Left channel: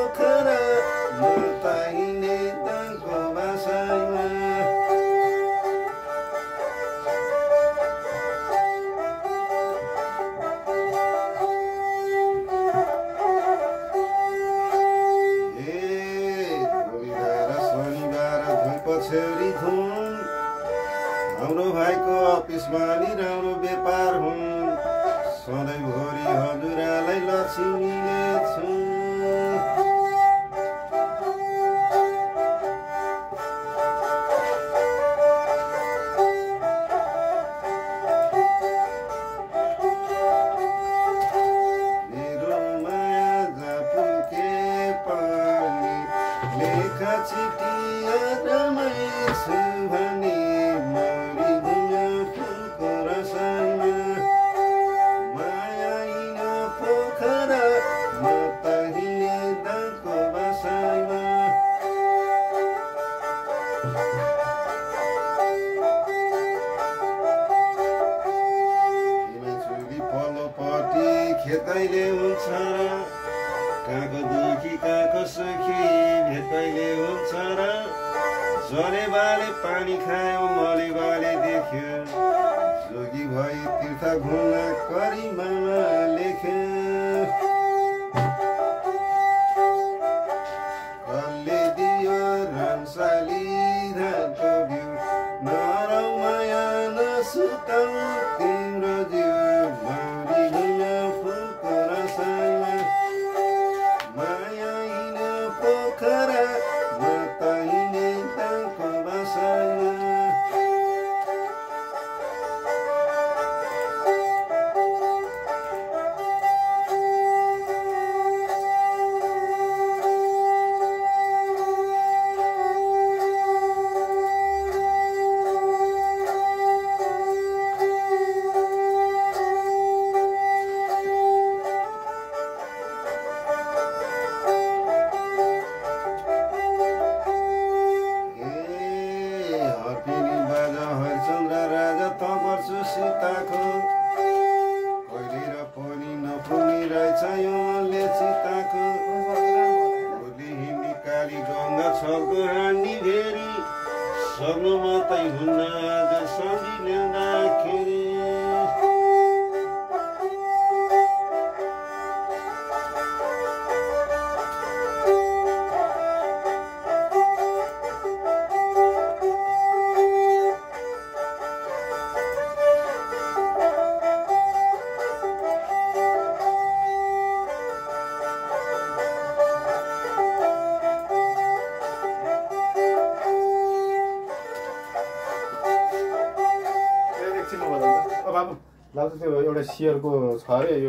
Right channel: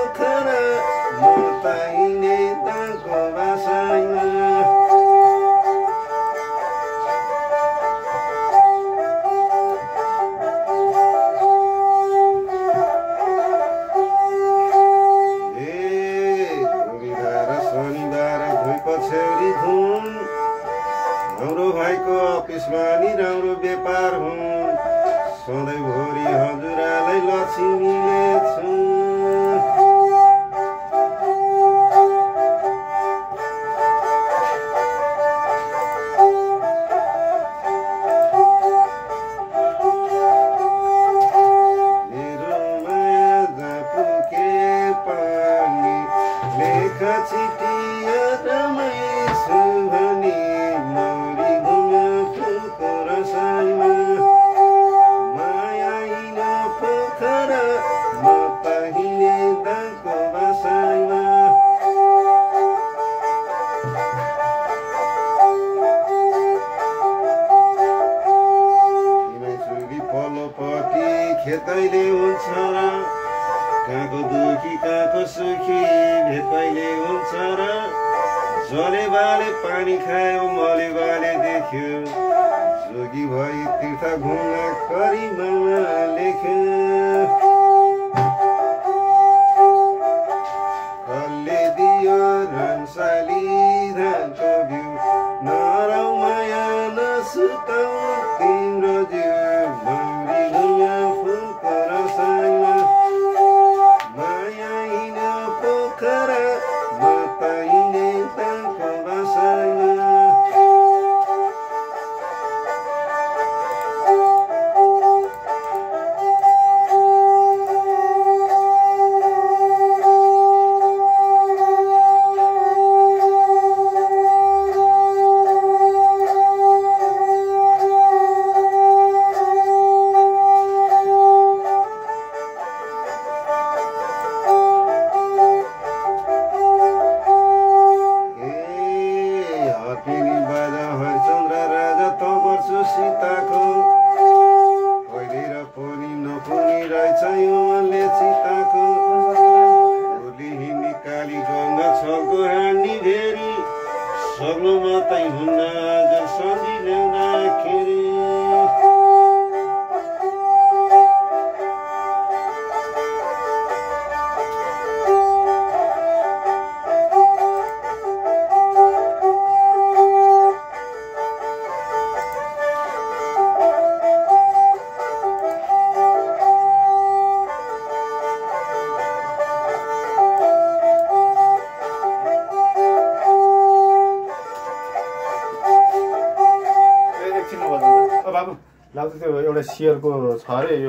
पोखरा बताइने ताको भाषामा पछ्यौरी धुन हाम्रो भाइको अफिसमा नि राम्रो व्यापार हुन् सधैँभरि हजुरलाई लक्ष्मीले छु मेरो माया जापुके पानी लेखा चिटिया खेतैले हुन्छ र कहाँको दुखी कहाँको सुखी भेटैले हुन्छ र जले बाले पानी खायो मले बाले देख्यो जोगी भई तीर्थ घुम्न करिमामा लेख्यो कसले दियो रामसाली धानको बिउ नरौ माया नसुताउ तिम्रो जिउ सीताको कहिले र पनि नपुनी रहेछ यो मनले सीताको भोलि हिँड्ने काली गङ्गा छलको हानी भेरी सक्नु मात्रै हुन्न आज सन्धि ल्याउँदाखेरि बाबु लाग्छ त्यो एउटा सियरको छ अरे यो